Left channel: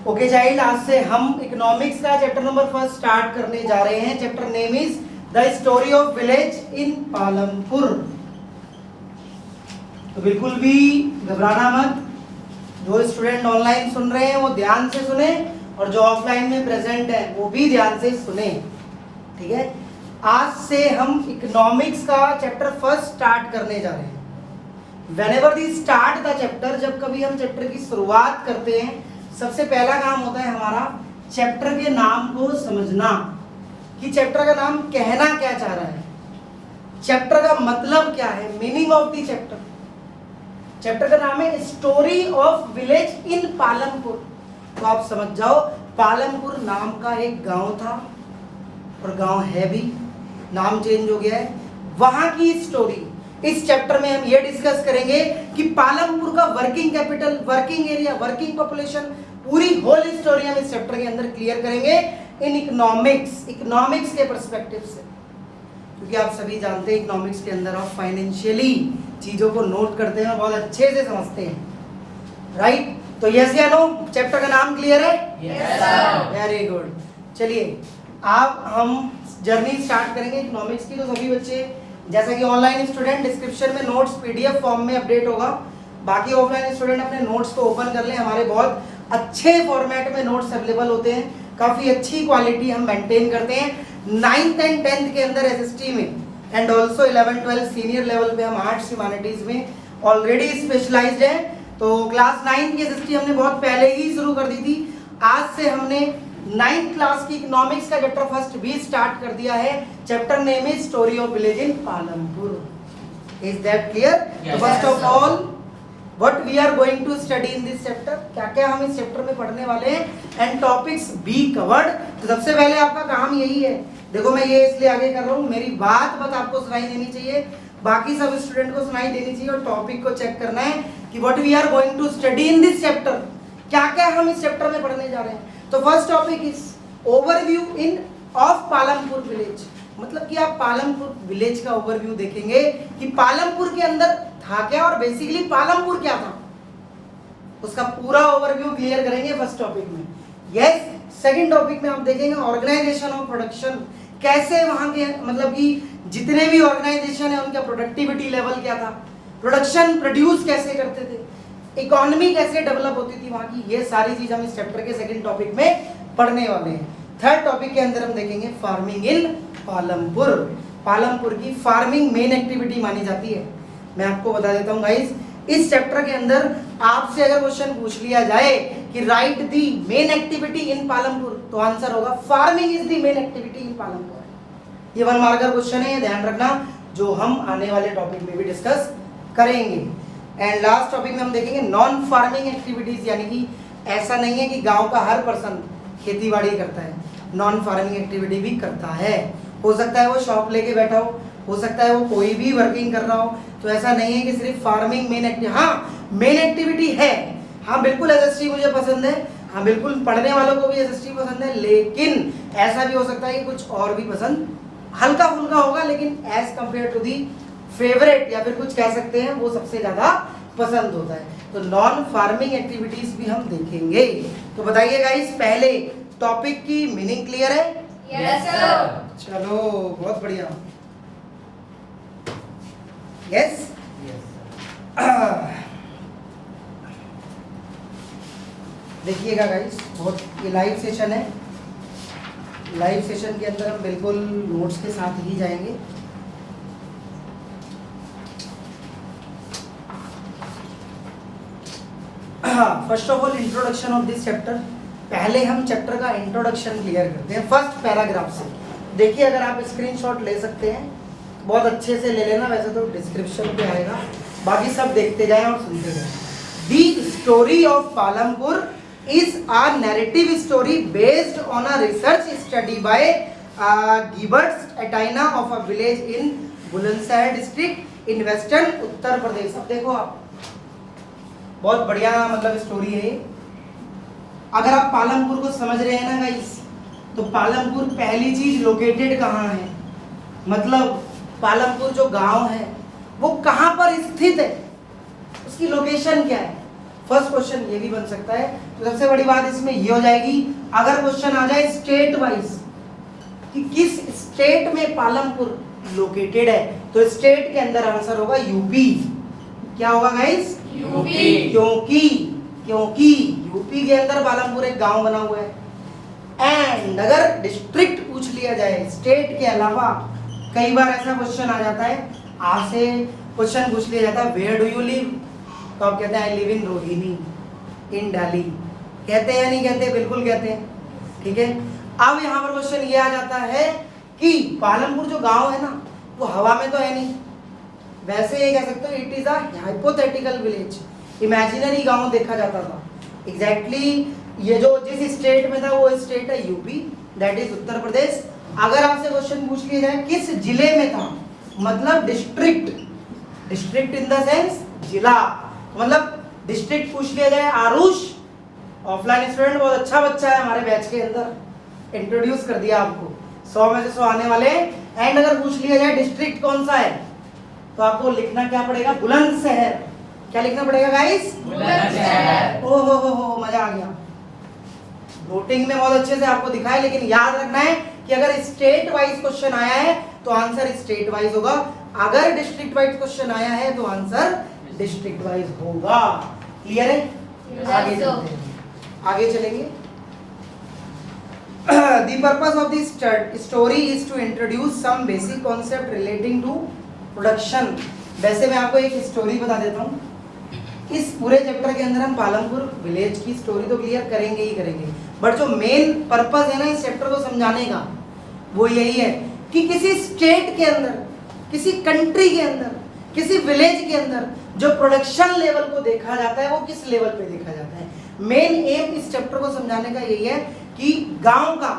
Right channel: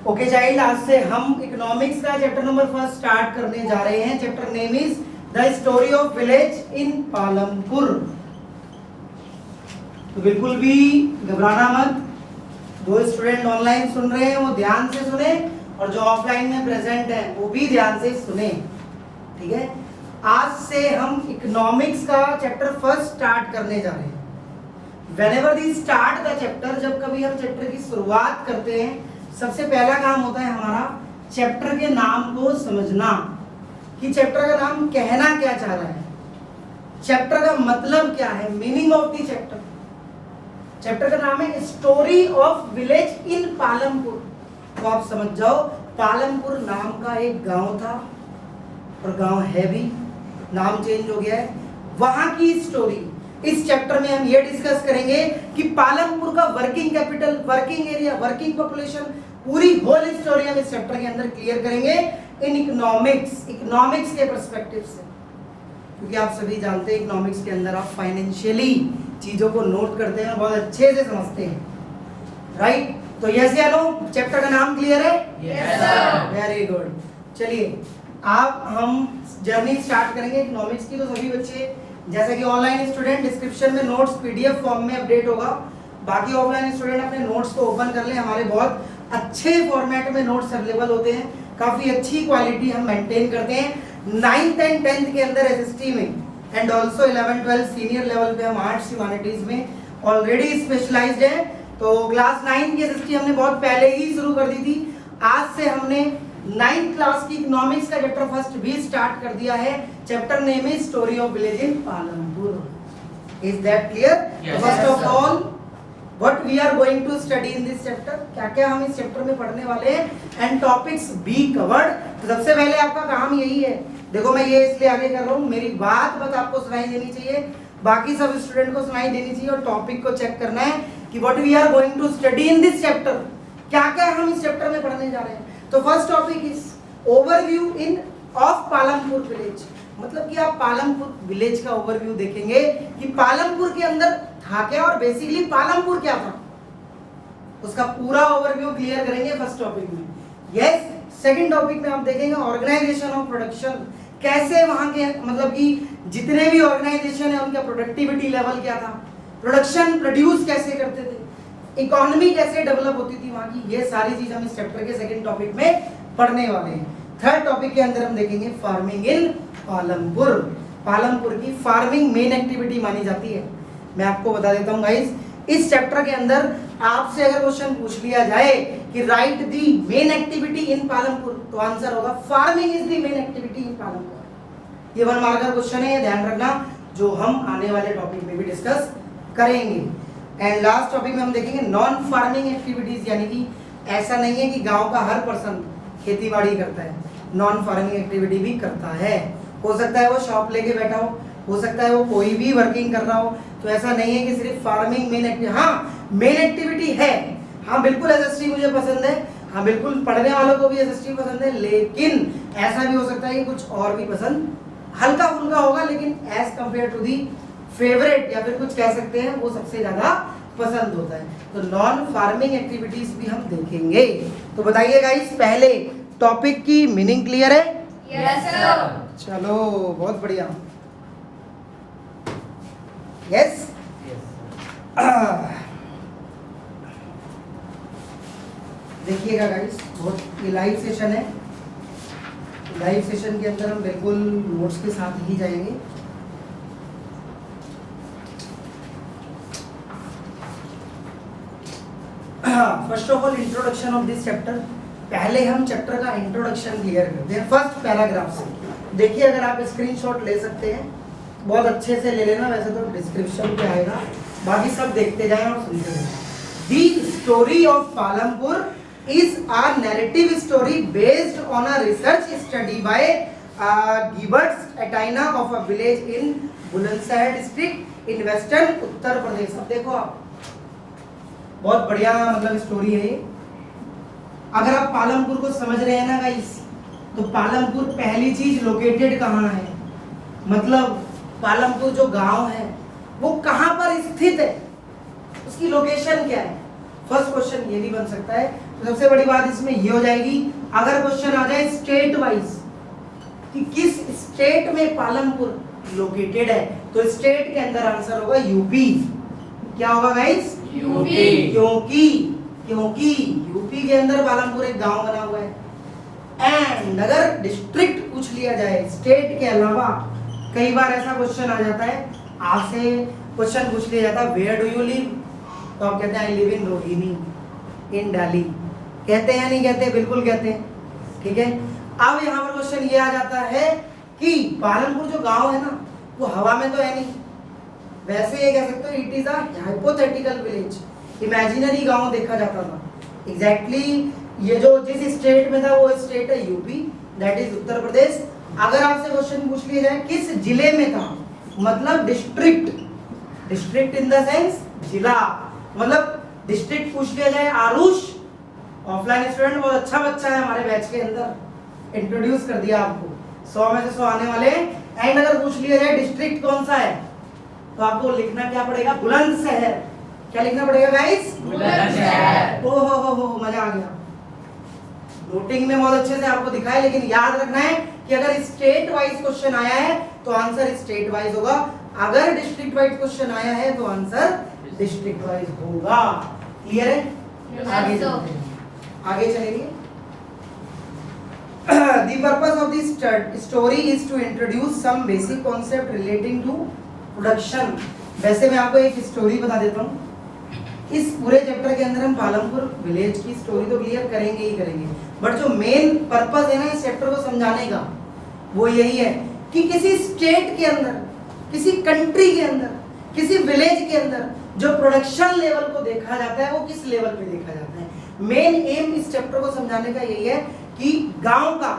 Okay child, आज से हम इकोनॉमिक्स का चैप्टर नंबर 1 स्टार्ट करने जा रहे हैं। Chapter name is the story of village in Palampur. तो बिल्कुल भी घबराना मत। जो स्टूडेंट ऑनलाइन सुन रहे हैं वो ध्यान से सुने और जो ऑफलाइन में प्रेजेंट है वो भी ध्यान से सुने, ठीक है। आज से हम इकोनॉमिक्स का चैप्टर 1 स्टार्ट करने जा रहे हैं। Whenever we start the chapter, जब कभी हम चैप्टर की शुरुआत करते हैं, सबसे पहला काम होता है हमारा चैप्टर के नाम को समझना कि चैप्टर का नाम कहना क्या चाह रहा है, चैप्टर का मतलब क्या है, meaning of the chapter. Chapter का नाम है story of village in Palampur. तो आप समझ जाओ, पालमपुर नाम का एक गांव था और गांव है भी, नाम चेंज हो गया है। वहां की स्टोरी इस चैप्टर में हम ये डिस्कस करेंगे कि पालमपुर का working capital, working area, working population, पूरी होल स्टोरी हम इस चैप्टर के अंदर क्लियर करेंगे इन इकोनॉमिक्स के पर्सपेक्टिव से। क्योंकि आप सभी जानते हैं इकोनॉमिक्स के अंदर आप फाइनेंशियली चीजों को नोट करते हैं, बहुत अच्छे से समझते हैं, राइट। तो यस या नो, चैप्टर का नाम क्लियर है? Yes sir. Very good. चलिए अब हम जर्नी स्टार्ट करेंगे इकोनॉमिक्स की। तो सभी बच्चे जैसे कि ऑनलाइन स्टूडेंट डिस्क्रिप्शन में नोट्स पीडीएफ फॉर्म में अपडेट होगा, बाकी ऑफलाइन स्टूडेंट अपने नोट्स को ओपन कर लें। हमारे बहुत अच्छे फॉर्मेट में नोट्स अवेलेबल होते हैं, काफी अच्छी क्वालिटी हम मेंटेन करते हैं। 9th एंड 10th के अंदर एसएसटी में एंड ऑल्सो 11 12 सीनियर लेवल पे हम आर्ट्स ह्यूमैनिटीज में ऑलरेडी स्पेशलाइज्ड हैं। तो क्लास 9 की एसएसटी हमने बहुत पहले ही शुरू कर दी थी। आज से हमने 9th क्लास की इकोनॉमिक्स का चैप्टर 1 भी स्टार्ट कर दिया है। Chapter name is story of village in Palampur. Is that clear? First of all what we are going to study in this chapter, क्या क्या हम इस चैप्टर में पढ़ने वाले हैं एंड टॉपिक्स बी कवर्ड। तो सबसे पहले आपका काम यही है, देखो मैं ये इसलिए आगे कर रहा हूँ, मेरी बात बस आपको सुनाई देनी चाहिए, बाकी सब स्टूडेंट को सुनाई देनी चाहिए और टॉपिक को चेक करना है कि what we are going to study in this chapter, क्या क्या हम इस चैप्टर में पढ़ने जा रहे हैं। तो first topic is overview in of Palampur village. मतलब कि आप पालमपुर विलेज का ओवरव्यू देखेंगे कि पालमपुर के अंदर था क्या और बेसिकली पालमपुर क्या था, उसका पूरा ओवरव्यू क्लियर करेंगे फर्स्ट टॉपिक में। यस, सेकंड टॉपिक में आप देखेंगे ऑर्गेनाइजेशन ऑफ प्रोडक्शन, कैसे वहां के मतलब कि जितने भी ऑर्गेनाइजेशन है उनका प्रोडक्टिविटी लेवल क्या था, प्रोडक्शन प्रोड्यूस कैसे करते थे, इकोनॉमी कैसे डेवलप होती थी वहां की, ये सारी चीज हम इस चैप्टर के सेकंड टॉपिक में पढ़ने वाले हैं। थर्ड टॉपिक के अंदर हम देखेंगे फार्मिंग इन पालमपुर। पालमपुर की फार्मिंग मेन एक्टिविटी मानी जाती है। मैं आपको बता देता हूं गाइस, इस चैप्टर के अंदर आपसे अगर क्वेश्चन पूछ लिया जाए कि right the main activity in Palampur, तो आंसर होगा farming is the main activity in Palampur. ये 1 मार्कर क्वेश्चन है, ये ध्यान रखना, जो हम आने वाले टॉपिक में भी डिस्कस करेंगे। एंड लास्ट टॉपिक में हम देखेंगे नॉन फार्मिंग एक्टिविटीज, यानी कि ऐसा नहीं है कि गांव का हर पर्सन खेतीबाड़ी करता है, नॉन फार्मिंग एक्टिविटी भी करता है। हो सकता है वो शॉप लेके बैठा हो सकता है वो कोई भी वर्किंग कर रहा हो। तो ऐसा नहीं है कि सिर्फ फार्मिंग मेन एक्टिविटी, हाँ मेन एक्टिविटी है, हाँ बिल्कुल एसएसटी मुझे पसंद है, हाँ बिल्कुल पढ़ने वालों को भी एसएसटी पसंद है, लेकिन ऐसा भी हो सकता है कि कुछ और भी पसंद हल्का फुल्का होगा, लेकिन as compare to the favourite या फिर कुछ कह सकते हैं वो सबसे ज्यादा पसंद होता है। तो नॉन फार्मिंग एक्टिविटीज भी हम देखेंगे। तो बताइए गाइस, पहले टॉपिक की मीनिंग क्लियर है? Yes sir. चलो बहुत बढ़िया। यस, देखिएगा गाइस, बहुत ये लाइव सेशन है, लाइव सेशन के अंदर हम बिल्कुल नोट्स के साथ ही जाएंगे। First of all introduction of this chapter. पहले हम चैप्टर का इंट्रोडक्शन क्लियर करते हैं फर्स्ट पैराग्राफ से। देखिए, अगर आप स्क्रीनशॉट ले सकते हैं बहुत अच्छे से ले लेना, वैसे तो डिस्क्रिप्शन पे आएगा, बाकी सब देखते जाएं और सुनते जाएं। The story of Palampur is a narrative story based on a research study by Gibbons Atina of a village in Bulandshahr district in western Uttar Pradesh. अब देखो आप, बहुत बढ़िया मतलब स्टोरी है। अगर आप पालमपुर को समझ रहे हैं ना गाइस, तो पालमपुर पहली चीज लोकेटेड कहाँ है, मतलब पालमपुर जो गांव है वो कहाँ पर स्थित है, उसकी लोकेशन क्या है। फर्स्ट क्वेश्चन ये भी बन सकता है। तो सबसे बड़ी बात इसमें ये हो जाएगी, अगर क्वेश्चन आ जाए स्टेट वाइज कि किस स्टेट में पालमपुर लोकेटेड है, तो स्टेट के अंदर आंसर होगा यूपी। क्या होगा गाइस? यूपी। क्योंकि यूपी के अंदर पालमपुर एक गांव बना हुआ है। एंड अगर डिस्ट्रिक्ट पूछ लिया जाए स्टेट के अलावा, कई बार ऐसा क्वेश्चन आ जाता है, आपसे क्वेश्चन पूछ लिया जाता है वेयर डू यू लिव, तो आप कहते हैं आई लिव इन रोहिणी इन दिल्ली। कहते हैं या नहीं कहते? बिल्कुल कहते हैं। ठीक है, अब यहाँ पर क्वेश्चन ये आ जाता है कि पालमपुर जो गांव है ना, वो हवा में तो है नहीं, वैसे ये कह सकते हो it is a hypothetical village, imaginary गांव देखा जाता था। एग्जैक्टली ये जो जिस स्टेट में था वो स्टेट है UP, that is Uttar Pradesh. अगर आपसे क्वेश्चन पूछ लिया जाए किस जिले में था, मतलब district, district in the sense जिला, मतलब डिस्ट्रिक्ट पूछ लिया जाए आरुष, ऑफलाइन स्टूडेंट बहुत अच्छा बच्चा है हमारे बैच के अंदर, इंट्रोड्यूस कर दिया आपको, 100 में से 100 आने वाले। एंड अगर पूछ लिया जाए डिस्ट्रिक्ट कौन सा है, तो आपको लिखना क्या पड़ेगा? बुलंदशहर। क्या लिखना पड़ेगा गाइस? बुलंदशहर। ओ हो मजा आ गया। नोटिंग में बहुत अच्छे से आपको दिखाए, लेकिन याद रखना है कि अगर स्टेट वाइज क्वेश्चन आया है तो आंसर स्टेट वाइज होगा, अगर डिस्ट्रिक्ट वाइज क्वेश्चन आया है तो आंसर डिस्ट्रिक्ट वाइज होगा। क्लियर है? आगे चलेंगे। The purpose of this story is to introduce some basic concept relating to production। वैसे मैं आपको एक स्टोरी बता देता हूँ। इस पूरे चैप्टर के अंदर हम पालमपुर विलेज की स्टोरी तो क्लियर करेंगे ही करेंगे, बट जो मेन पर्पस है ना इस चैप्टर को समझाने का, वो यही है कि किसी स्टेट के अंदर, किसी कंट्री के अंदर, किसी विलेज के अंदर जो प्रोडक्शन लेवल को देखा जाता है वो किस लेवल पे देखा जाता है। मेन एम इस चैप्टर को समझाने का यही है कि गांव का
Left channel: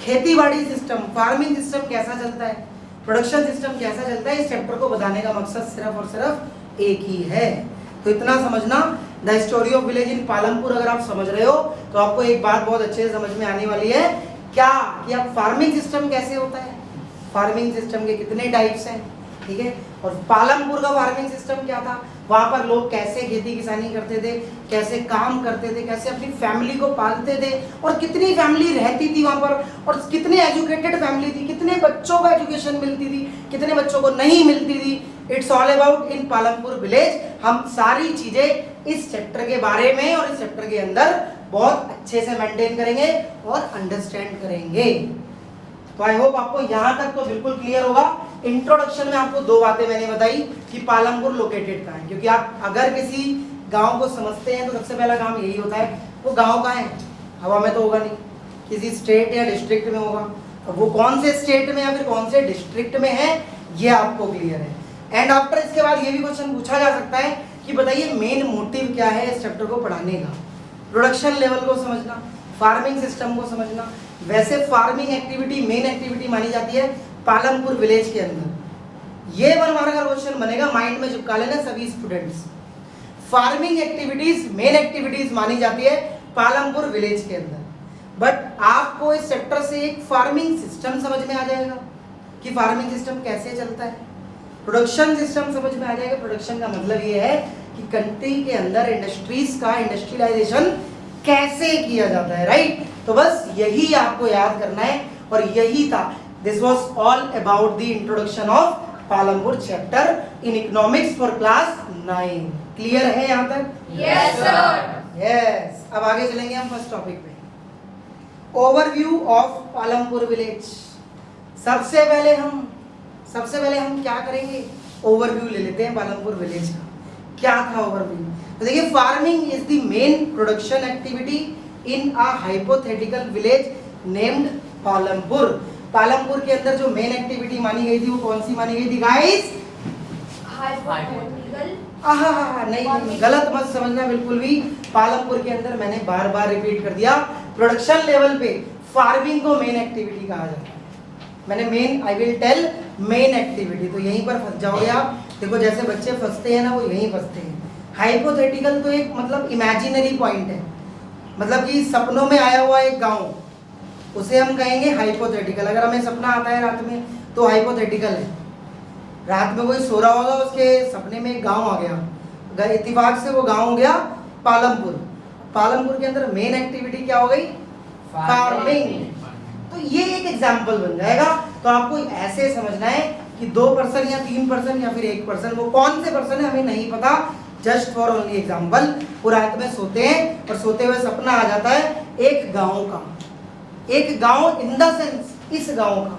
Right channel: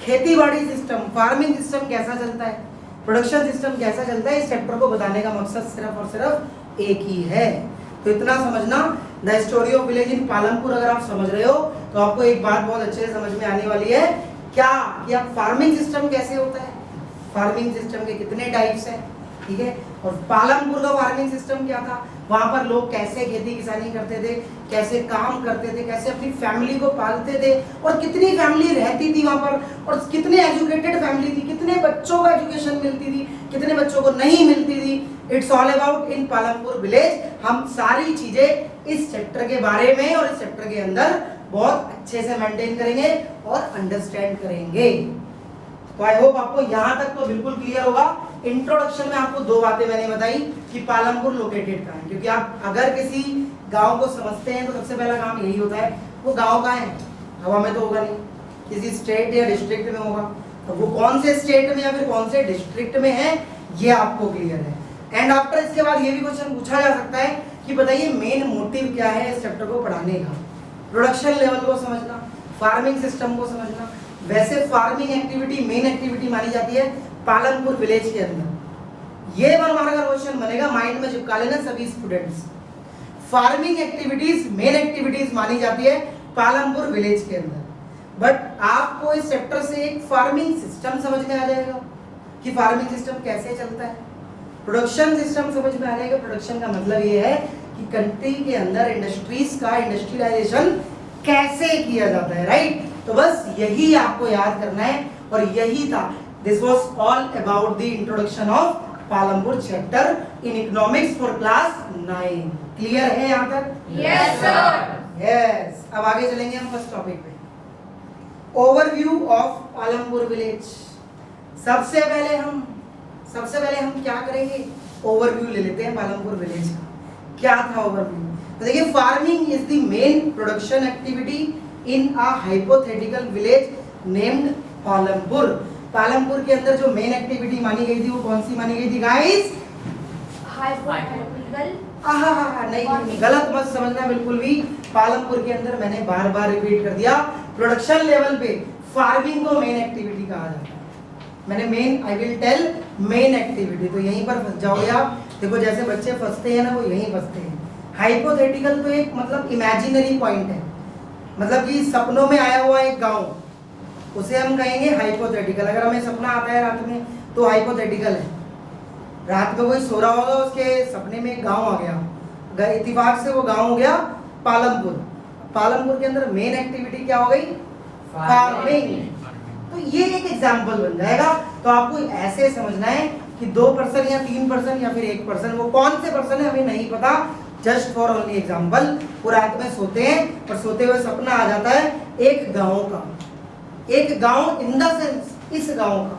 खेतीबाड़ी सिस्टम, फार्मिंग सिस्टम कैसा चलता है, प्रोडक्शन सिस्टम कैसा चलता है, इस चैप्टर को बताने का मकसद सिर्फ और सिर्फ एक ही है। तो इतना समझना, the story of village in Palampur अगर आप समझ रहे हो तो आपको एक बात बहुत अच्छे से समझ में आने वाली है, क्या कि आप फार्मिंग सिस्टम कैसे होता है, फार्मिंग सिस्टम के कितने टाइप्स हैं, ठीक है, और पालमपुर का फार्मिंग सिस्टम क्या था, वहां पर लोग कैसे खेती किसानी करते थे, कैसे काम करते थे, कैसे अपनी फैमिली को पालते थे, और कितनी फैमिली रहती थी वहां पर, और कितने एजुकेटेड फैमिली थी, कितने बच्चों को एजुकेशन मिलती थी, कितने बच्चों को नहीं मिलती थी। It's all about in Palampur village. हम सारी चीजें इस चैप्टर के बारे में और इस चैप्टर के अंदर बहुत अच्छे से मेंटेन करेंगे और अंडरस्टैंड करेंगे। तो आई होप आपको यहाँ तक तो बिल्कुल क्लियर होगा। इंट्रोडक्शन में आपको दो बातें मैंने बताई कि पालमपुर लोकेटेड कहाँ है, क्योंकि आप अगर किसी गांव को समझते हैं तो सबसे पहला काम यही होता है, वो गांव कहाँ है, हवा में तो होगा नहीं, किसी स्टेट या डिस्ट्रिक्ट में होगा, तो वो कौन से स्टेट में या फिर कौन से डिस्ट्रिक्ट में है ये आपको क्लियर है। एंड आफ्टर इसके बाद ये भी क्वेश्चन पूछा जा सकता है कि बताइए मेन मोटिव क्या है इस चैप्टर को पढ़ाने का। प्रोडक्शन लेवल को समझना, फार्मिंग सिस्टम को समझना। वैसे फार्मिंग एक्टिविटी मेन एक्टिविटी मानी जाती है पालमपुर विलेज के अंदर। ये 1 मार्क का क्वेश्चन बनेगा, माइंड में चिपका लेना सभी students. Farming activities main activities मानी जाती है पालमपुर विलेज के अंदर, बट आपको इस चैप्टर से एक फार्मिंग सिस्टम समझ में आ जाएगा कि फार्मिंग सिस्टम कैसे चलता है, प्रोडक्शन सिस्टम समझ में आ जाएगा। प्रोडक्शन का मतलब ये है कि कंट्री के अंदर इंडस्ट्रीज का इंडस्ट्रियलाइजेशन कैसे किया जाता है, राइट। तो बस यही आपको याद करना है और यही था। This was all about the introduction of Palampur chapter in economics for class 9। Clear है यहाँ तक? Yes sir. यस। अब आगे चलेंगे हम फर्स्ट टॉपिक पे, ओवरव्यू ऑफ पालमपुर विलेज। सबसे पहले हम क्या करेंगे, ओवरव्यू ले लेते हैं पालमपुर विलेज का। क्या था ओवरव्यू? तो देखिए, farming is the main production activity in a hypothetical village named Palampur. Palampur के अंदर जो मेन एक्टिविटी मानी गई थी वो कौन सी मानी गई थी गाइस? नहीं, गलत मत समझना बिल्कुल भी। पालमपुर के अंदर मैंने बार बार रिपीट कर दिया, प्रोडक्शन लेवल पे फार्मिंग को मेन एक्टिविटी कहा जाता है। मैंने main, I will tell main activity, तो यहीं पर फंस जाओगे आप। देखो जैसे बच्चे फंसते हैं ना, वो यहीं फंसते हैं। हाइपोथेटिकल तो एक मतलब इमेजिनरी पॉइंट है, मतलब कि सपनों में आया हुआ एक गांव, उसे हम कहेंगे हाइपोथेटिकल। अगर हमें सपना आता है रात में तो हाइपोथेटिकल है। रात में कोई सो रहा होगा, उसके सपने में एक गांव आ गया, इत्तेफाक से वो गांव हो गया पालमपुर। पालमपुर के अंदर मेन एक्टिविटी क्या हो गई? फार्मिंग। तो ये एक एग्जाम्पल बन जाएगा। तो आपको ऐसे समझना है कि 2% या 3% या फिर 1%, वो कौन से पर्सन है हमें नहीं पता, जस्ट फॉर ओनली एग्जाम्पल। वो रात में सोते हैं और सोते हुए सपना आ जाता है एक गांव का, एक गांव इन द सेंस इस गांव का।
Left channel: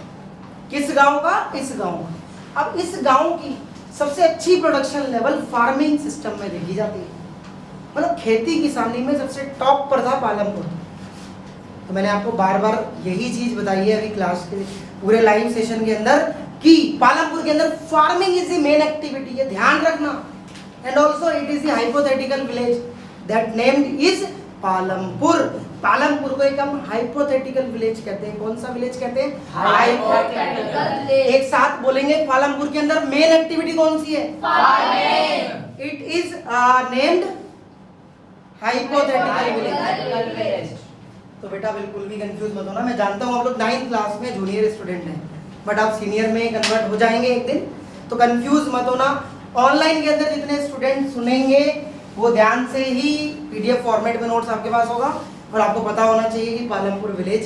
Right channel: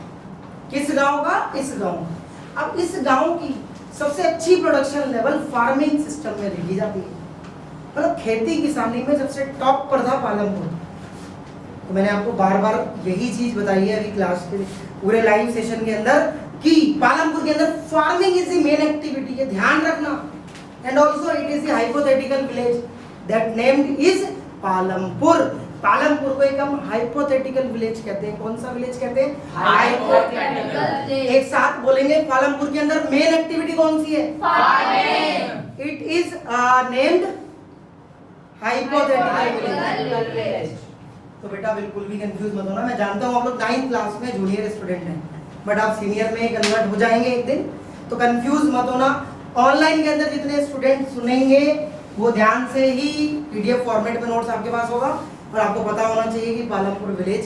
किस गांव का? इस गांव का। अब इस गांव की सबसे अच्छी प्रोडक्शन लेवल फार्मिंग सिस्टम में देखी जाती है, मतलब खेती किसानी में सबसे टॉप पर था पालमपुर। तो मैंने आपको बार बार यही चीज बताई है अभी क्लास के पूरे लाइव सेशन के अंदर कि पालमपुर के अंदर farming is the main activity है, ध्यान रखना। And also it is the hypothetical village that named is Palampur. Palampur को एक हम हाइपोथेटिकल विलेज कहते हैं। कौन सा विलेज कहते हैं? हाइपोथेटिकल। एक साथ बोलेंगे, पालमपुर के अंदर मेन एक्टिविटी कौन सी है? Farming. It is named hypothetical village. तो बेटा बिल्कुल भी कंफ्यूज मत होना। मैं जानता हूँ आप लोग 9th क्लास में जूनियर स्टूडेंट हैं, बट आप सीनियर में कन्वर्ट हो जाएंगे एक दिन, तो कंफ्यूज मत होना। ऑनलाइन के अंदर जितने स्टूडेंट सुनेंगे वो ध्यान से ही पीडीएफ फॉर्मेट में नोट्स आपके पास होगा और आपको पता होना चाहिए कि पालमपुर विलेज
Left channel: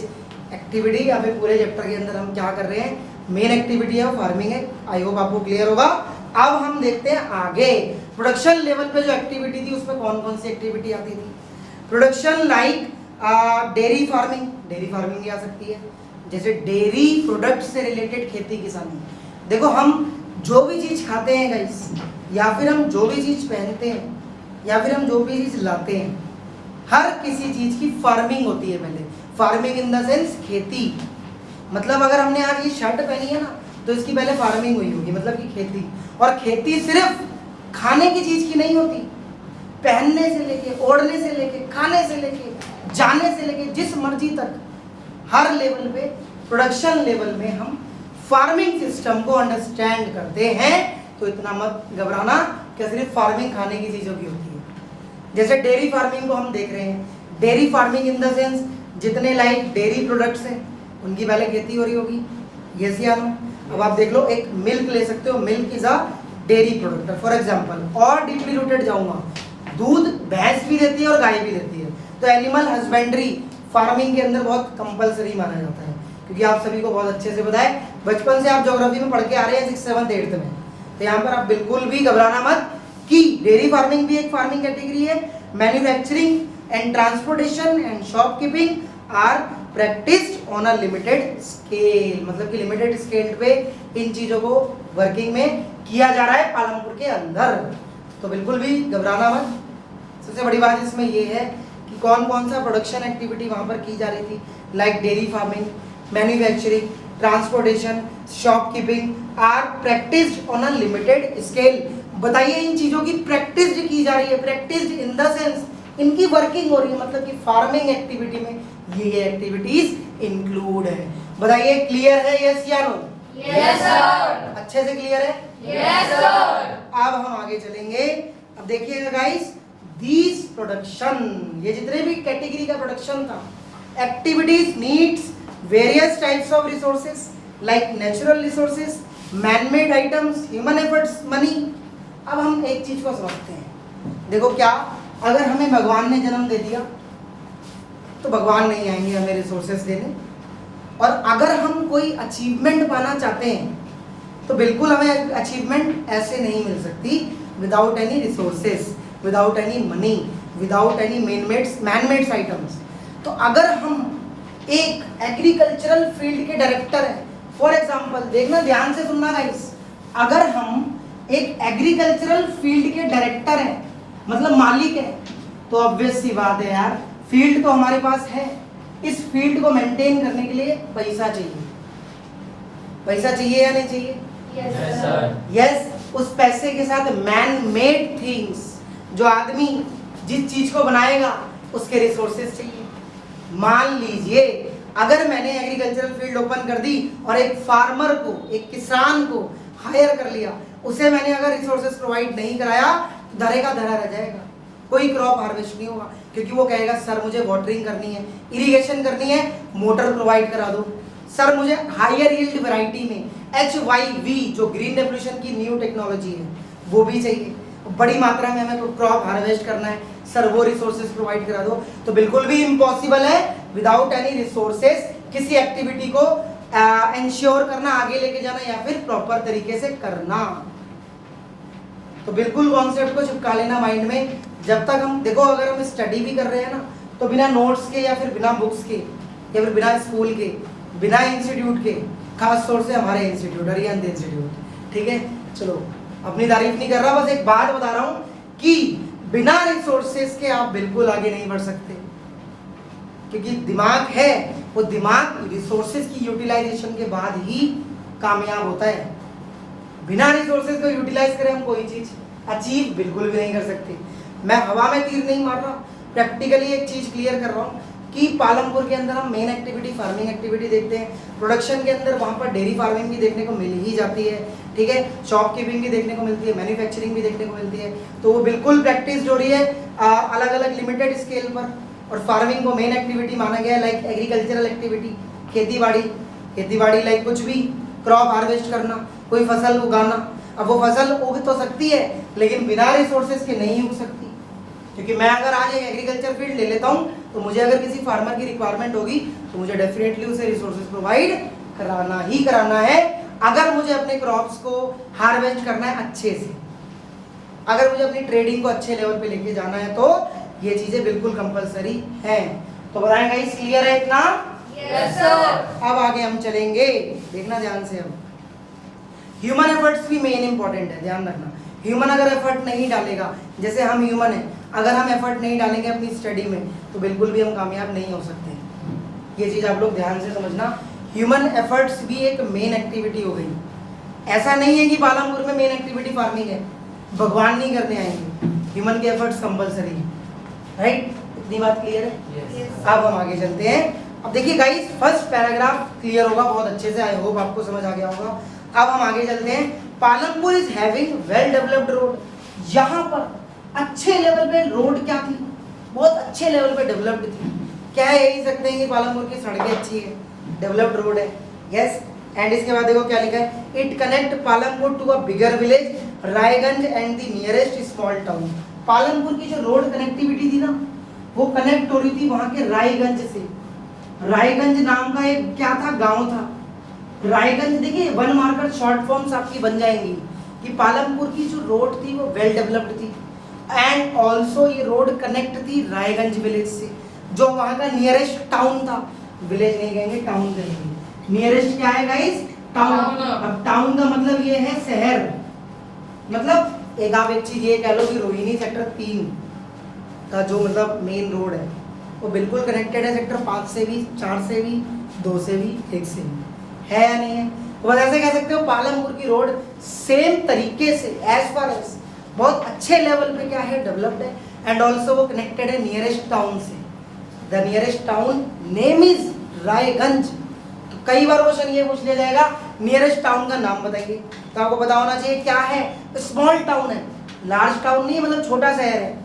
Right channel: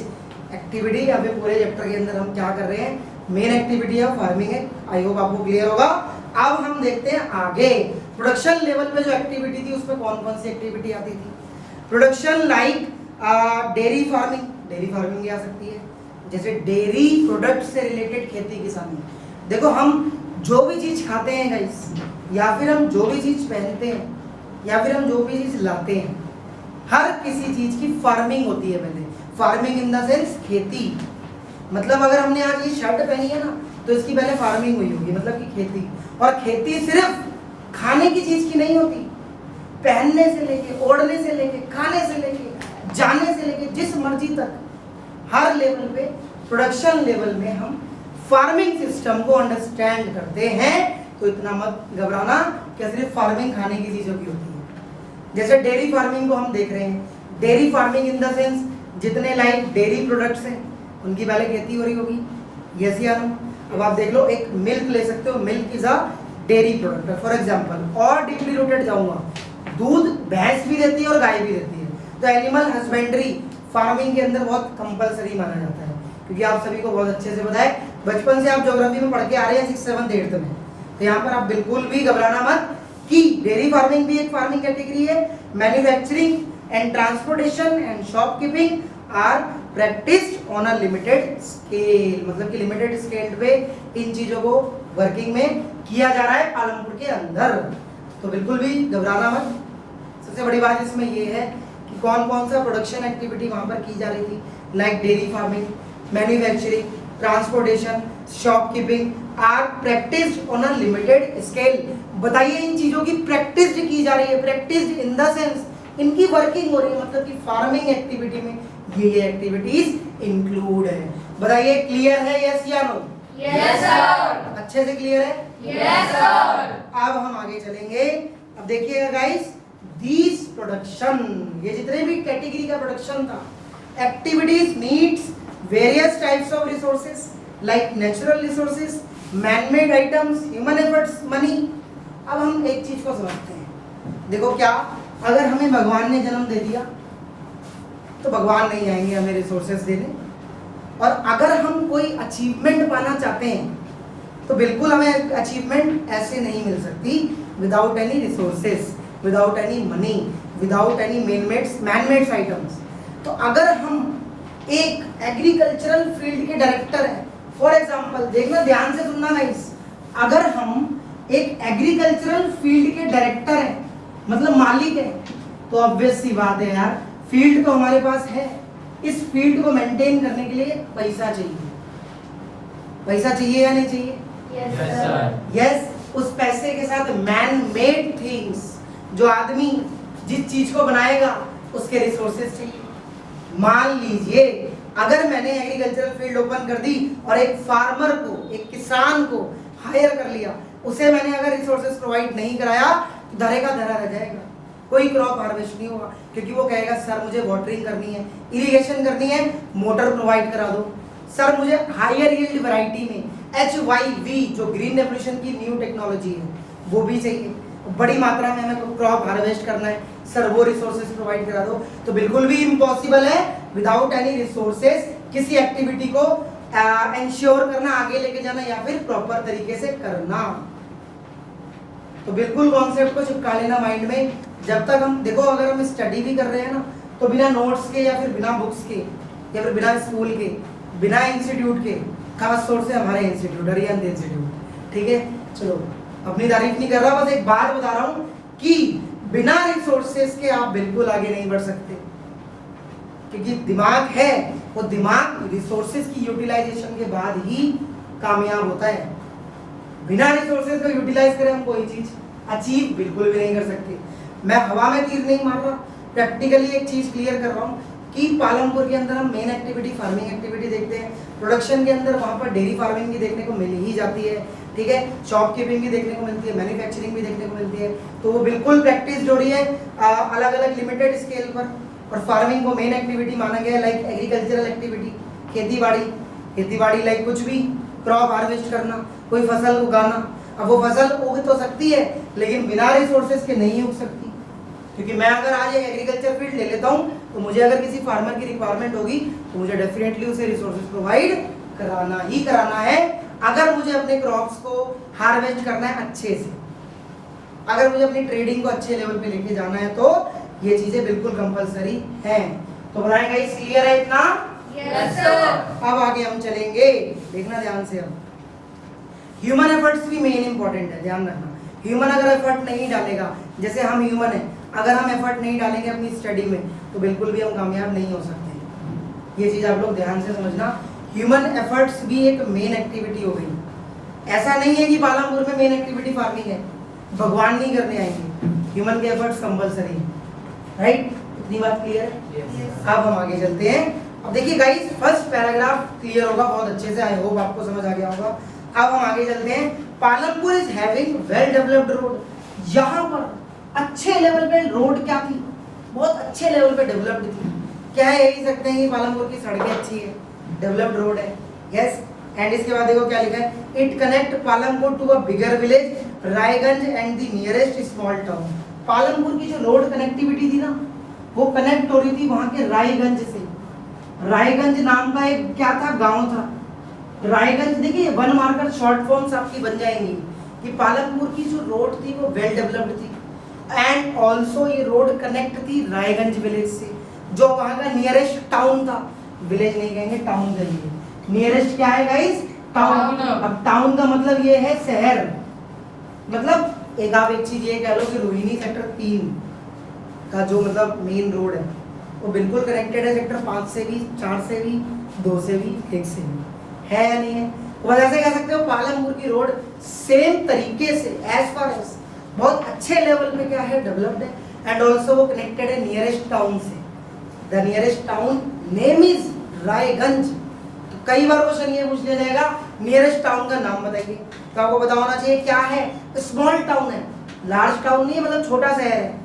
एक्टिविटी या फिर पूरे चैप्टर के अंदर हम क्या कर रहे हैं। मेन एक्टिविटी है फार्मिंग है। आई होप आपको क्लियर होगा। अब हम देखते हैं आगे प्रोडक्शन लेवल पे जो एक्टिविटी थी उसमें कौन कौन सी एक्टिविटी आती थी। Production like dairy farming. Dairy farming भी आ सकती है, जैसे डेयरी प्रोडक्ट से रिलेटेड खेती किसानी। देखो हम जो भी चीज खाते हैं गाइस, या फिर हम जो भी चीज पहनते हैं, या फिर हम जो भी चीज लाते हैं, हर किसी चीज की फार्मिंग होती है पहले। फार्मिंग इन द सेंस खेती। मतलब अगर हमने आज ये शर्ट पहनी है ना, तो इसकी पहले फार्मिंग हुई होगी, मतलब कि खेती। और खेती सिर्फ खाने की चीज की नहीं होती, पहनने से लेके, ओढ़ने से लेके, खाने से लेके, जाने से लेके, जिस मर्जी तक हर लेवल पे, प्रोडक्शन लेवल में हम फार्मिंग सिस्टम को अंडरस्टैंड करते हैं। तो इतना मत घबराना कि सिर्फ फार्मिंग खाने की चीजों की होती है। जैसे डेयरी फार्मिंग को हम देख रहे हैं। Dairy farming in the sense जितने लाइक डेयरी प्रोडक्ट्स हैं उनकी पहले खेती हो रही होगी। यस या नो? अब आप देख लो, एक मिल्क ले सकते हो, milk is a dairy product for example. और डीपली रूटेड जाऊंगा, दूध भैंस भी देती है और गाय भी देती है। तो एनिमल हस्बेंड्री फार्मिंग के अंदर बहुत कंपलसरी माना जाता है, क्योंकि आप सभी को बहुत अच्छे से पता है, बचपन से आप ज्योग्राफी में पढ़ के आ रहे हैं 6th 7th 8th में। तो यहाँ पर आप बिल्कुल भी घबराना मत कि डेयरी फार्मिंग भी एक फार्मिंग कैटेगरी है। Manufacturing and transportation and shopkeeping are practised on a limited scale. मतलब कि लिमिटेड स्केल पे इन चीजों को वर्किंग में किया जा रहा है पालमपुर के अंदर। तो बिल्कुल भी घबराना मत। सबसे बड़ी बात इसमें ये है कि कौन कौन सा प्रोडक्शन एक्टिविटी वहां पर की जा रही थी, like dairy farming, manufacturing, transportation, shopkeeping are practised on a limited scale. बताइए इन चीजों की प्रैक्टिस की जा रही है। प्रैक्टिस इन द सेंस इनकी वर्किंग हो रही है, मतलब कि फार्मिंग एक्टिविटी में ये एक्टिविटीज इंक्लूड है। बताइए क्लियर है? यस या नो? Yes sir. अच्छे से क्लियर है? Yes sir. अब हम आगे चलेंगे। अब देखिएगा गाइस, दीज प्रोडक्शन, ये जितने भी कैटेगरी का प्रोडक्शन था, activities needs various types of resources like natural resources, man-made items, human efforts, money. अब हम एक चीज को समझते हैं। देखो क्या, अगर हमें भगवान ने जन्म दे दिया तो भगवान नहीं आएंगे हमें रिसोर्सेज देने, और अगर हम कोई अचीवमेंट पाना चाहते हैं तो बिल्कुल हमें अचीवमेंट ऐसे नहीं मिल सकती without any resources, without any money, without any man-made items. तो अगर हम एक एग्रीकल्चरल फील्ड के डायरेक्टर हैं, फॉर एग्जांपल, देखना ध्यान से सुनना गाइस, अगर हम एक एग्रीकल्चरल फील्ड के डायरेक्टर हैं, मतलब मालिक है, तो ऑब्वियस सी बात है यार, फील्ड तो हमारे पास है, इस फील्ड को मेंटेन करने के लिए पैसा चाहिए। पैसा चाहिए या नहीं चाहिए? Yes sir. यस। उस पैसे के साथ मैन मेड थिंग्स, जो आदमी जिस चीज को बनाएगा उसके रिसोर्सेज चाहिए। मान लीजिए अगर मैंने एग्रीकल्चरल फील्ड ओपन कर दी और एक फार्मर को, एक किसान को हायर कर लिया, उसे मैंने अगर रिसोर्सेज प्रोवाइड नहीं कराया तो धरे का धरा रह जाएगा, कोई क्रॉप हार्वेस्ट नहीं होगा, क्योंकि वो कहेगा सर मुझे वाटरिंग करनी है, इरिगेशन करनी है, मोटर प्रोवाइड करा दो, सर मुझे हायर यील्ड वैरायटी में HYV जो ग्रीन रेवोल्यूशन की न्यू टेक्नोलॉजी है वो भी चाहिए, बड़ी मात्रा में हमें क्रॉप हार्वेस्ट करना है, सर वो रिसोर्सेज प्रोवाइड करा दो, तो बिल्कुल भी इम्पॉसिबल है विदाउट एनी रिसोर्सेज किसी एक्टिविटी को इंश्योर करना, आगे लेके जाना या फिर प्रॉपर तरीके से करना। तो बिल्कुल कॉन्सेप्ट को चिपका लेना माइंड में। जब तक हम देखो, अगर हम स्टडी भी कर रहे हैं ना, तो बिना नोट्स के या फिर बिना बुक्स के या फिर बिना स्कूल के, बिना इंस्टीट्यूट के, खास तौर से हमारे इंस्टीट्यूट अरिहंत इंस्टीट्यूट, ठीक है, चलो अपनी तारीफ नहीं कर रहा, बस एक बात बता रहा हूँ कि बिना रिसोर्सेज के आप बिल्कुल आगे नहीं बढ़ सकते, क्योंकि दिमाग है वो दिमाग रिसोर्सेज की यूटिलाइजेशन के बाद ही कामयाब होता है। बिना रिसोर्सेज को यूटिलाइज करें हम कोई चीज अचीव बिल्कुल भी नहीं कर सकते। मैं हवा में तीर नहीं मार रहा, प्रैक्टिकली एक चीज क्लियर कर रहा हूँ कि पालमपुर के अंदर हम मेन एक्टिविटी फार्मिंग एक्टिविटी देखते हैं, प्रोडक्शन के अंदर वहाँ पर डेयरी फार्मिंग भी देखने को मिल ही जाती है, ठीक है, शॉपकीपिंग भी देखने को मिलती है, मैन्युफैक्चरिंग भी देखने को मिलती है। तो वो बिल्कुल प्रैक्टिस जो रही है अलग अलग लिमिटेड स्केल पर, और फार्मिंग को मेन एक्टिविटी माना गया है, लाइक एग्रीकल्चरल एक्टिविटी, खेती बाड़ी लाइक कुछ भी क्रॉप हार्वेस्ट करना, कोई फसल उगाना। अब वो फसल उग तो सकती है लेकिन बिना रिसोर्सेज के नहीं उग सकती, क्योंकि मैं अगर आज एग्रीकल्चर फील्ड ले लेता हूँ तो मुझे अगर किसी फार्मर की रिक्वायरमेंट होगी तो मुझे डेफिनेटली उसे रिसोर्सेज प्रोवाइड कराना ही कराना है, अगर मुझे अपने क्रॉप्स को हार्वेस्ट करना है अच्छे से, अगर मुझे अपनी ट्रेडिंग को अच्छे लेवल पे लेके जाना है, तो ये चीजें बिल्कुल कंपलसरी हैं। तो बताएंगे इस क्लियर है इतना? Yes sir. अब आगे हम चलेंगे, देखना ध्यान से। अब ह्यूमन एफर्ट्स भी मेन इंपॉर्टेंट है, ध्यान रखना। ह्यूमन अगर एफर्ट नहीं डालेगा, जैसे हम ह्यूमन है, अगर हम एफर्ट नहीं डालेंगे अपनी स्टडी में तो बिल्कुल भी हम कामयाब नहीं हो सकते। ये चीज आप लोग ध्यान से समझना। ह्यूमन एफर्ट्स भी एक मेन एक्टिविटी हो गई। ऐसा नहीं है कि पालमपुर में मेन एक्टिविटी फार्मिंग है, भगवान नहीं करने आएंगे, ह्यूमन के एफर्ट्स कंपलसरी है, राइट? इतनी बात क्लियर है? अब हम आगे चलते हैं। अब देखिए गाइस, फर्स्ट पैराग्राफ क्लियर होगा बहुत अच्छे से, आई होप आपको समझ आ गया होगा। अब हम आगे चलते हैं। Palampur is having well developed road. यहाँ पर अच्छे लेवल पे रोड क्या थी, बहुत अच्छे लेवल पे डेवलप्ड थी। क्या है, यही सकते हैं कि पालमपुर की सड़कें अच्छी है, डेवलप्ड रोड है, यस। एंड इसके बाद देखो क्या लिखा है, it connect Palampur to a bigger village Raiganj and the nearest small town. Palampur की जो रोड कनेक्टिविटी थी ना, वो कनेक्ट हो रही थी वहां के रायगंज से। रायगंज नाम का एक क्या था, गांव था रायगंज। देखिए वन मार्कर शॉर्ट फॉर्म्स आपकी बन जाएंगी कि पालमपुर की जो रोड थी वो वेल डेवलप्ड थी, एंड ऑल्सो ये रोड कनेक्ट थी रायगंज विलेज से, जो वहां का नियरेस्ट टाउन था। विलेज नहीं कहेंगे, टाउन कहेंगे। नियरेस्ट क्या है गाइस, टाउन। अब टाउन का मतलब ये है शहर, मतलब एक आप एक चीज ये कह लो कि रोहिणी सेक्टर 3 का जो मतलब मेन रोड है वो बिल्कुल कनेक्टेड है सेक्टर 5 से भी, 4 से भी, 2 से भी, 1 से भी, है या नहीं है? तो बस ऐसे कह सकते हो पालमपुर की रोड सेम तरीके से एज फार एज बहुत अच्छे लेवल पे क्या है, डेवलप्ड है, एंड ऑल्सो वो कनेक्टेड है नियरेस्ट टाउन से। The nearest town name is Raiganj. तो कई बार क्वेश्चन ये पूछ लिया जाएगा नियरेस्ट टाउन का नाम बताइए, तो आपको पता होना चाहिए क्या है, स्मॉल टाउन है, लार्ज टाउन नहीं, मतलब छोटा शहर है।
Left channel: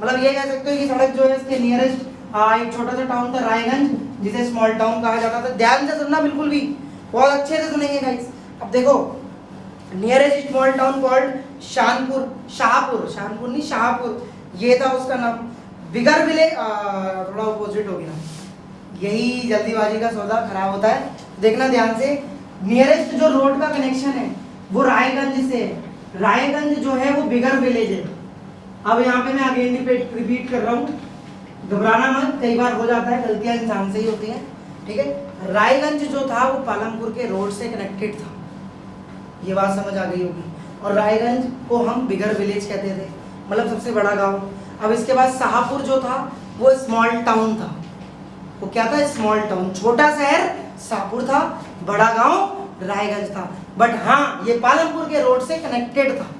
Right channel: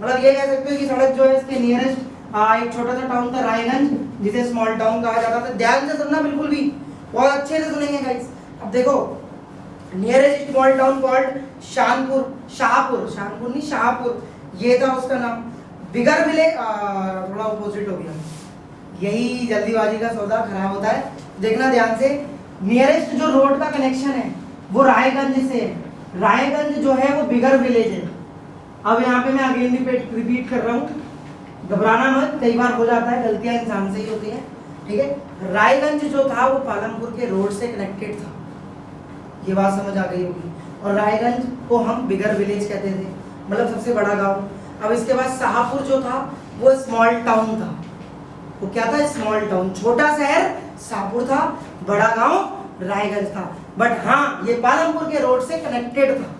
मतलब ये कह सकते हो कि सड़क जो है इसके नियरेस्ट एक छोटा सा टाउन था रायगंज, जिसे स्मॉल टाउन कहा जाता था। ध्यान से सुनना, बिल्कुल भी बहुत अच्छे से सुनेंगे गाइस। अब देखो, nearest small town called Shahpur, Shahpur नहीं शाहपुर, ये था उसका नाम। बिगर विलेज थोड़ा ऑपोजिट हो गया, यही जल्दीबाजी का सौदा खराब होता है। देखना ध्यान से, नियरेस्ट जो रोड का कनेक्शन है वो रायगंज से है, रायगंज जो है वो बिगर विलेज है। अब यहाँ पे मैं अगेन रिपीट कर रहा हूँ, घबराना मत, कई बार हो जाता है, गलतियां इंसान से ही होती हैं, ठीक है। रायगंज जो था वो पालमपुर के रोड से कनेक्टेड था, ये बात समझ आ गई होगी। और रायगंज को हम बिगर विलेज कहते थे, मतलब सबसे बड़ा गांव। अब इसके बाद शाहपुर जो था वो स्मॉल टाउन था। वो क्या था, स्मॉल टाउन, छोटा शहर शाहपुर था, बड़ा गांव रायगंज था। बट हाँ, ये पालमपुर के रोड से कनेक्टेड था।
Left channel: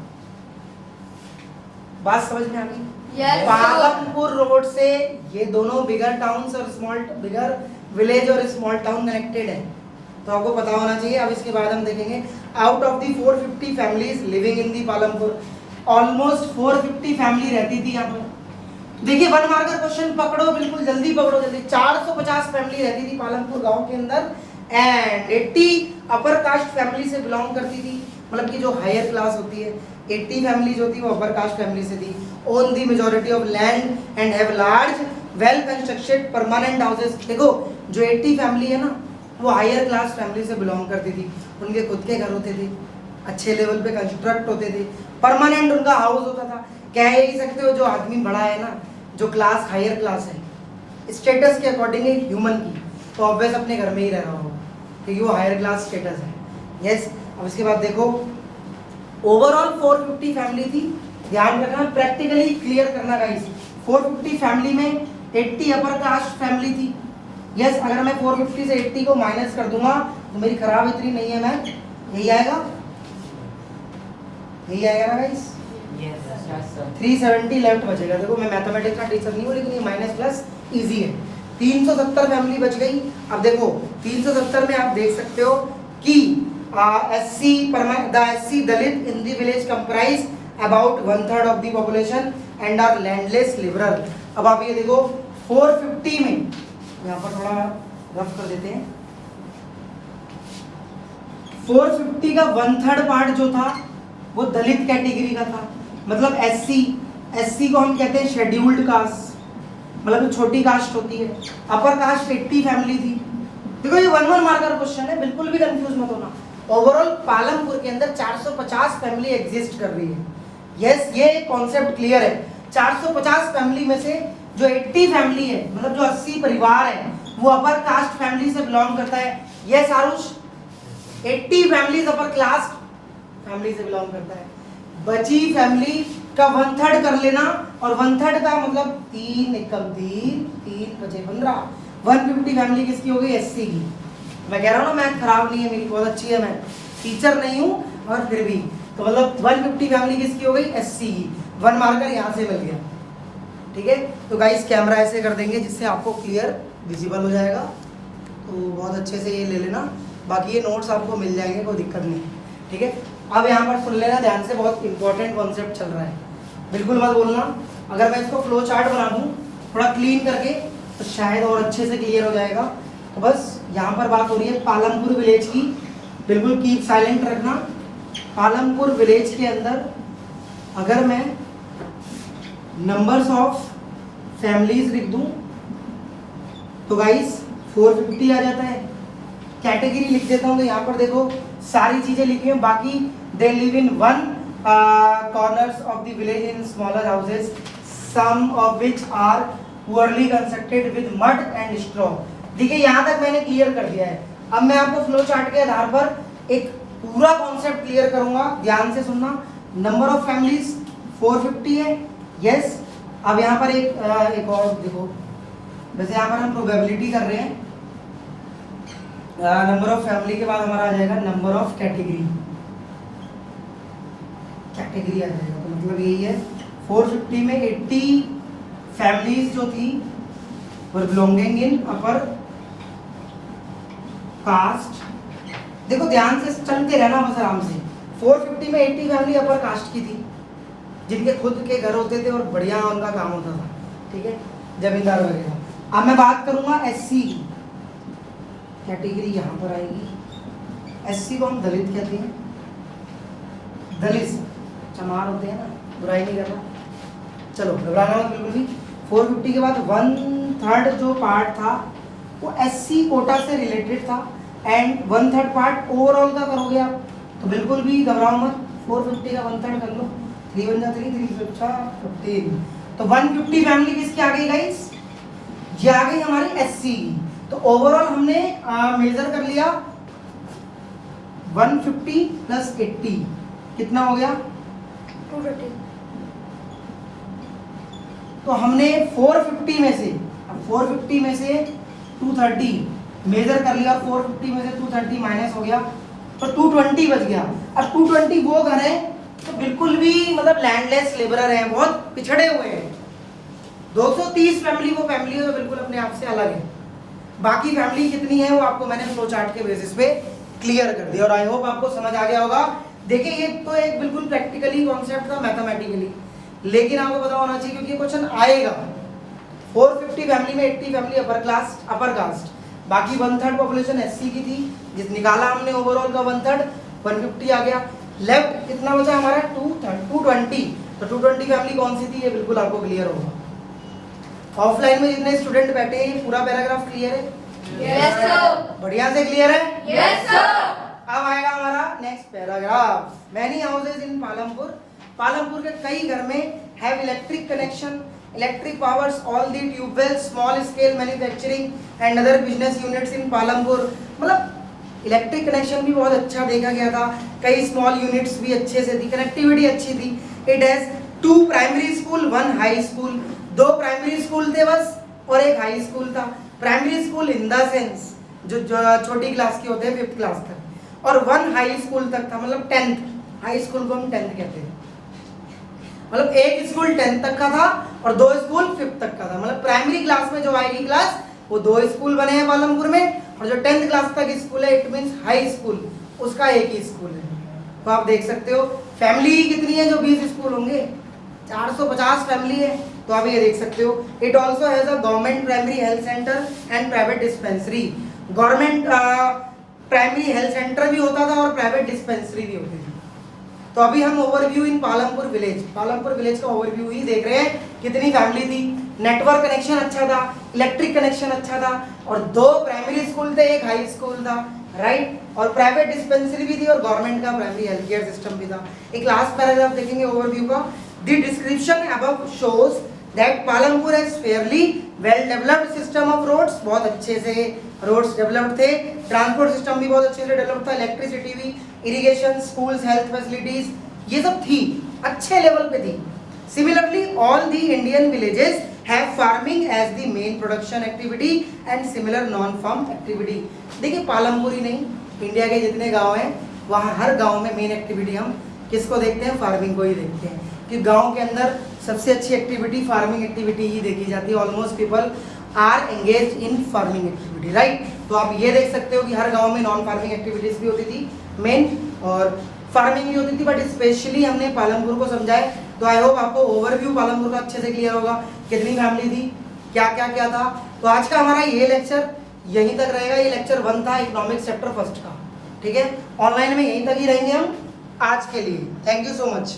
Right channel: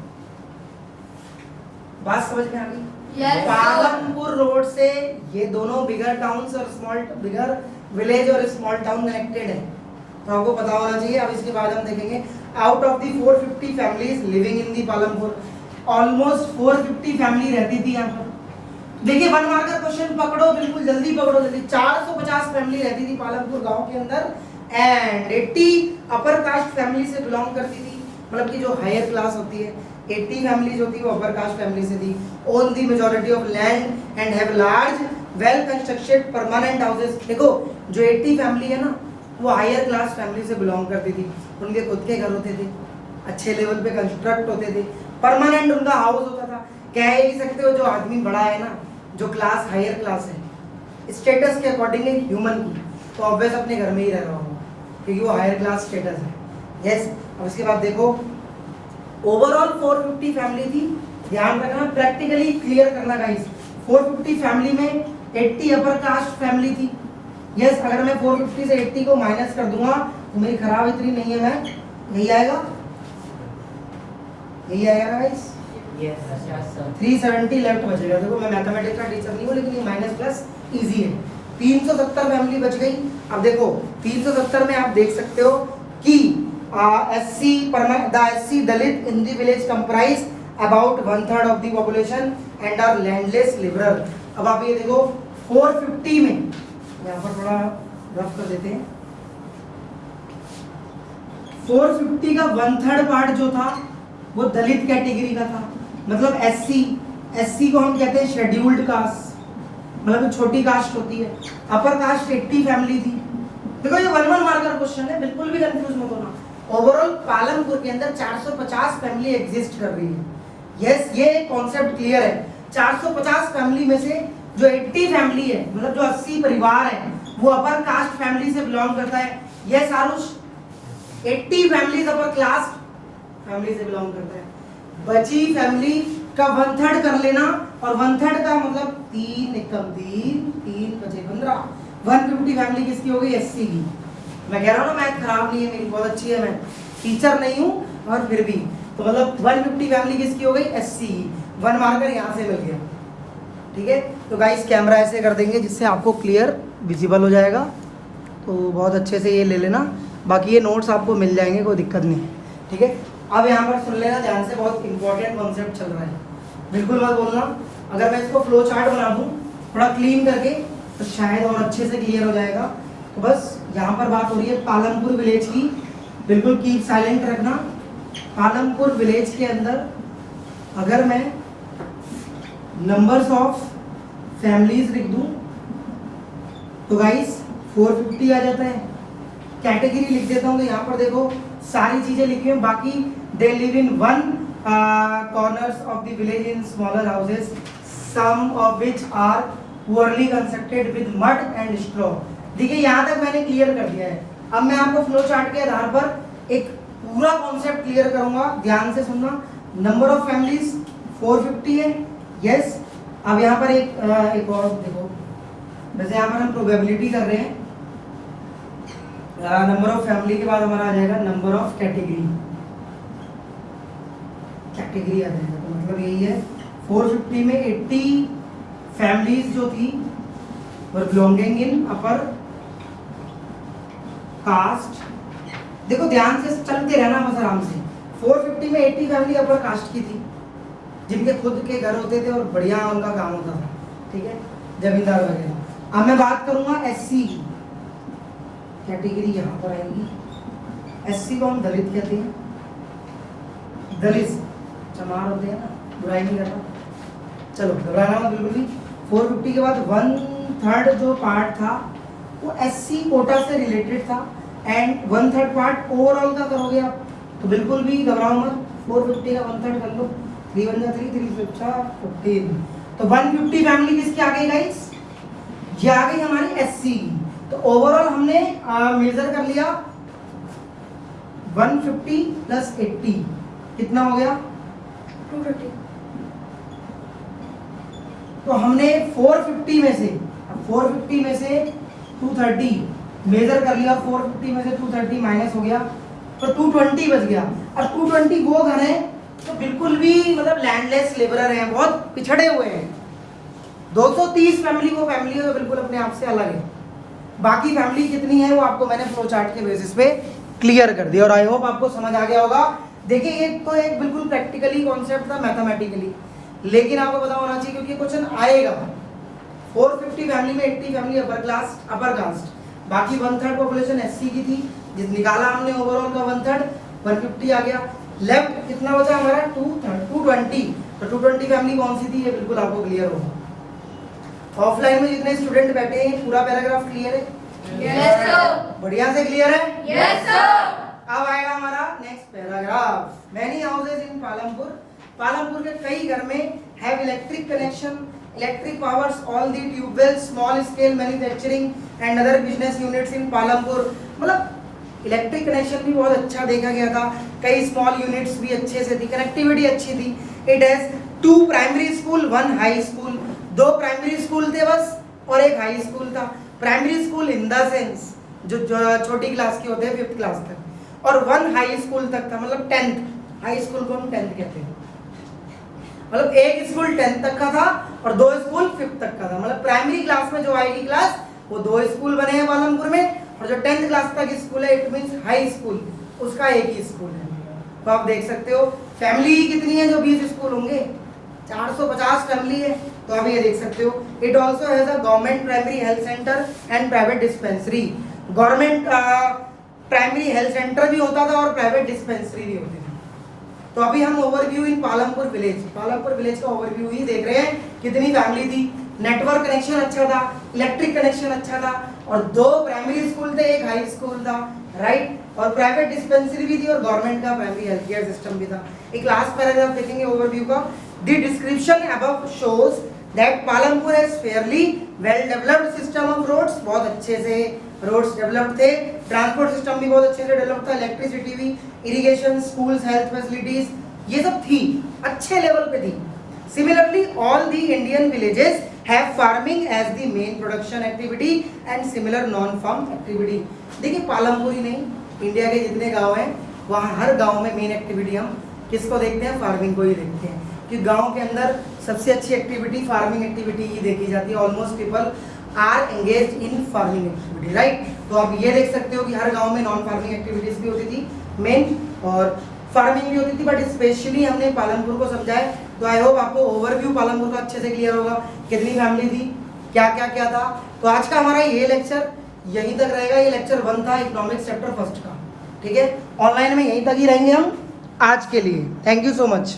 बात समझ में आ गई? पालमपुर रोड से ये दोनों बिगर टाउन्स और स्मॉल बिगर विलेज और स्मॉल टाउन कनेक्टेड है, तो आपको पता होना चाहिए। अब इसके बाद हम देखेंगे, out of the 450 families living in the Palampur, almost 450 family रहती थी यहाँ पर। देखिए वन मार्कर क्वेश्चन पकड़ो, बिल्कुल जल्दी पकड़ो, जल्दी। 450 फैमिली रहती थी पालमपुर गांव के अंदर, एंड 80 अपर कास्ट फैमिली से बिलोंग करती थी, मतलब कि जो हायर क्लास होती है, 80 फैमिलीज होती है वो अपर कास्ट फैमिली से थी, own the majority of land and have large well constructed permanent houses. देखो जो 80 फैमिली है ना वो हायर क्लास फैमिली से बिलोंग करती थी, उनके खुद के घर होते थे, अच्छे लेवल पे कंस्ट्रक्ट होते थे, परमानेंट उनका हाउस होता था। कह ही सकते हो जो आदमी बड़ा है ना, जो क्लास हायर क्लास है स्टेटस के अकॉर्डिंग ह्यूमन की, तो ऑब्वियस अपने घर में ही रह रहा होगा क्योंकि वो हायर क्लास स्टेटस है। यस अब इसके बाद देखो ओवरऑल 450 फैमिली थी, ध्यान रखना प्रैक्टिकली क्लियर करना गाइस। 450 फैमिली में 80 अपर कास्ट फैमिली थी। यस अगर मैं 450 से 80 को माइनस कर दूंगा तो मेरी खराब इतनी नहीं है, मैं यही आएगा, यही आएगा गाइस, 370 लेफ्ट बचेगा। देखो मैं मैथमेटिक्स का टीचर नहीं हूँ लेकिन ये माइनस प्लस इजी है। 370 फैमिली बच गई। अब देखो 370 में आप देख सकते हो कि SC Dalit in the village comprise about 1/3 of the population and are landless liberal. अब आप ये देखो 450 में, यहाँ पर थोड़ा रफ कर देते हैं, 450 का 1/3 पार्ट जो था वो दलित कैटेगरी का था, मतलब SC को हम कहते हैं शेड्यूल्ड कास्ट, मतलब छोटी कास्ट होती है। अपर कास्ट 80 फैमिली थी। देखो ये 1 मार्कर क्वेश्चन है, बिल्कुल भी कंफ्यूज मत होना। ओवरऑल पालमपुर के अंदर 450 फैमिली एग्जिस्ट कर रही है। यस ये कॉन्सेप्ट क्लियर है। 450 फैमिली में से जो 80 फैमिली है, मतलब जो 80 परिवार है, वो अपर कास्ट फैमिली से बिलोंग करता है। Yes Aarush 80 families upper class family से बिलोंग करता है। बची फैमिली का 1/3 कर लेना, और 1/3 का मतलब 3 बचे 15। 150 फैमिली किसकी हो गई? SC की। मैं कह रहा हूँ ना मैथ खराब नहीं है मेरी, बहुत अच्छी है, मैं टीचर नहीं हूँ और फिर भी तो मतलब 150 फैमिली किसकी हो गई? SC की। 1 मार्कर यहाँ से मिल गया। ठीक है तो गाइस कैमरा ऐसे कर देंगे जिससे आपको क्लियर विजिबल हो जाएगा, तो बहुत अच्छे से ये ले लेना, बाकी ये नोट्स आपको मिल जाएंगे, कोई दिक्कत नहीं। ठीक है अब यहाँ पर सुन लेना ध्यान से, बहुत इंपॉर्टेंट कॉन्सेप्ट चल रहा है, बिल्कुल मत बोलना। अगर मैं इसको फ्लो चार्ट बना दूँ थोड़ा क्लीन करके तो शायद और अच्छे से क्लियर हो जाएगा। तो बस यहाँ पर बात हो रही है पालमपुर विलेज की, बिल्कुल कीप साइलेंट रखना। पालमपुर विलेज के अंदर अगर मैं नंबर्स ऑफ फैमिलीज लिख दूं तो गाइस 450 आ जाता है। कैटेगरी लिख देता हूँ तो यहाँ पर देखो सारी चीजें लिखी हैं, बाकी they live in one corners of the village in smaller houses, some of which are poorly constructed with mud and straw. देखिए यहाँ तक मैंने क्लियर कर दिया है। अब मैं आपको फ्लो चार्ट के आधार पर एक पूरा कॉन्सेप्ट क्लियर करूंगा, ध्यान से सुनना। नंबर ऑफ फैमिलीज 450 है। यस अब यहाँ पर एक और देखो, वैसे यहाँ पर हम प्रोबेबिलिटी कर रहे हैं। नंबर ऑफ फैमिली के बाद हमारा आ जाएगा नंबर ऑफ कैटेगरी, कैटेगरी आ जाएगा, तो मतलब यही है 450 में 80 फैमिलीज जो थी वर बिलोंगिंग इन अपर कास्ट। देखो ध्यान से चलते रहना बस आराम से। 450 में 80 फैमिली अपर कास्ट की थी जिनके खुद के घर होते थे और बढ़िया उनका काम होता था, ठीक है, जमींदार वगैरह। अब मैं बात करूंगा SC की, कैटेगरी यहाँ पर आएगी। SC को हम दलित कहते हैं, दलित चमार होते हैं ना, बुराई नहीं कर रहा, चलो घबराना मत बिल्कुल भी। 450 के बाद 1/3 जो पार्ट था वो SC कोटा से रिलेटेड था एंड 1/3 पार्ट ओवरऑल का कर गया, तो बिल्कुल भी घबराओ मत। 450 का 1/3 कर लो, 3 बन जा 3, 3 15। तो 150 फैमिली किसकी आ गई गाइस? ये आ गई हमारी SC की। तो ओवरऑल हमने मेजर कर लिया 150 प्लस 80 कितना हो गया? 230। तो हमने 450 में से, अब 450 में से 230 मेजर कर लिया, 450 में से 230 माइनस हो गया तो 220 बच गया। अब 220 वो घर है तो बिल्कुल भी मतलब लैंडलेस लेबरर हैं, बहुत पिछड़े हुए हैं। 230 फैमिली वो फैमिली है तो बिल्कुल अपने आप से अलग है। बाकी फैमिली कितनी है वो आपको मैंने फ्लो चार्ट के बेसिस पे क्लियर कर दिया और आई होप आपको समझ आ गया होगा। देखिए ये तो एक बिल्कुल प्रैक्टिकली कॉन्सेप्ट था, मैथमेटिकली, लेकिन आपको पता होना चाहिए क्योंकि क्वेश्चन आएगा। 450 फैमिली में 80 फैमिली अपर कास्ट, बाकी 1/3 पॉपुलेशन SC की थी, जिस निकाला हमने ओवरऑल का 1/3 150 आ गया। लेफ्ट कितना बचा हमारा 220, तो 220 फैमिली कौन सी थी, ये बिल्कुल आपको क्लियर होगा। ऑफलाइन में जितने स्टूडेंट बैठे हैं पूरा पैराग्राफ क्लियर है, Yes, sir. बढ़िया से क्लियर है। Yes, sir. अब आएगा हमारा next paragraph. Many houses in Palampur, Palampur के कई घर में have electric connection, electric powers all the tubewell, small scale manufacturing and other business units in Palampur. मतलब इलेक्ट्रिक कनेक्शन भी बहुत अच्छा देखा गया था, कई स्मॉल यूनिट्स भी अच्छे से थी, कनेक्टिविटी अच्छी थी। It has 2 primary school 1 high school, 2 primary school थे बस और 1 हाई स्कूल था। Primary school in the sense जो छोटी क्लास के होते हैं 5th क्लास तक, और 1 हाई स्कूल तक था, मतलब 10th, हाई स्कूल को हम 10th कहते हैं। मतलब एक स्कूल 10th तक का था और 2 स्कूल 5th तक का था। मतलब प्राइमरी क्लास में जो आएगी क्लास वो 2 स्कूल बने हैं पालमपुर में, और जो 10th क्लास तक स्कूल है इट मींस हाई स्कूल, उसका एक ही स्कूल है। तो आप देख सकते हो फैमिली कितनी है, जो 20 स्कूल होंगे, 450 फैमिली है। तो आप ये देख सकते हो it also has a government primary health centre and private dispensary. Government primary health centre भी होता था और प्राइवेट डिस्पेंसरी भी होती थी। तो अभी हम ओवरव्यू इन पालमपुर विलेज, पालमपुर विलेज का ओवरव्यू ही देख रहे हैं। कितनी फैमिली थी, नेटवर्क कनेक्शन अच्छा था, इलेक्ट्रिक कनेक्शन अच्छा था, और 2 प्राइमरी स्कूल थे, 1 हाई स्कूल था, राइट, और प्राइवेट डिस्पेंसरी भी थी और गवर्नमेंट का प्राइमरी हेल्थ केयर सिस्टम भी था। एक लास्ट पैराग्राफ देखेंगे ओवरव्यू का। The description above shows that Palampur has fairly well developed system of roads, बहुत अच्छे से रोड्स डेवलप्ड थे, ट्रांसपोर्ट सिस्टम भी बहुत अच्छे से डेवलप था, इलेक्ट्रिसिटी भी, इरिगेशन, स्कूल्स, हेल्थ फैसिलिटीज, ये सब थी, अच्छे लेवल पे थी। Similarly all the Indian villages have farming as the main production activity and similar non farm activity. देखिए पालमपुर ही नहीं, इंडिया के जितने गांव हैं वहाँ हर गांव में मेन एक्टिविटी हम किसको देखते हैं, फार्मिंग को ही देखते हैं, कि गांव के अंदर सबसे अच्छी एक्टिविटी फार्मिंग एक्टिविटी ही देखी जाती है। Almost people are engage in farming activity, right. तो आप ये देख सकते हो कि हर गांव में नॉन फार्मिंग एक्टिविटीज भी होती थी मेन, और फार्मिंग भी होती थी, बट स्पेशली हमने पालमपुर को समझा है। तो आई होप आपको ओवरव्यू पालमपुर का अच्छे से क्लियर होगा, कितनी फैमिली थी, क्या क्या क्या था। तो आज का हमारा ये लेक्चर यहीं तक रहेगा। ये लेक्चर 1 था इकोनॉमिक्स चैप्टर 1 का, ठीक है। ऑनलाइन में यहीं तक ही रहेंगे हम आज के लिए। Thank you so much.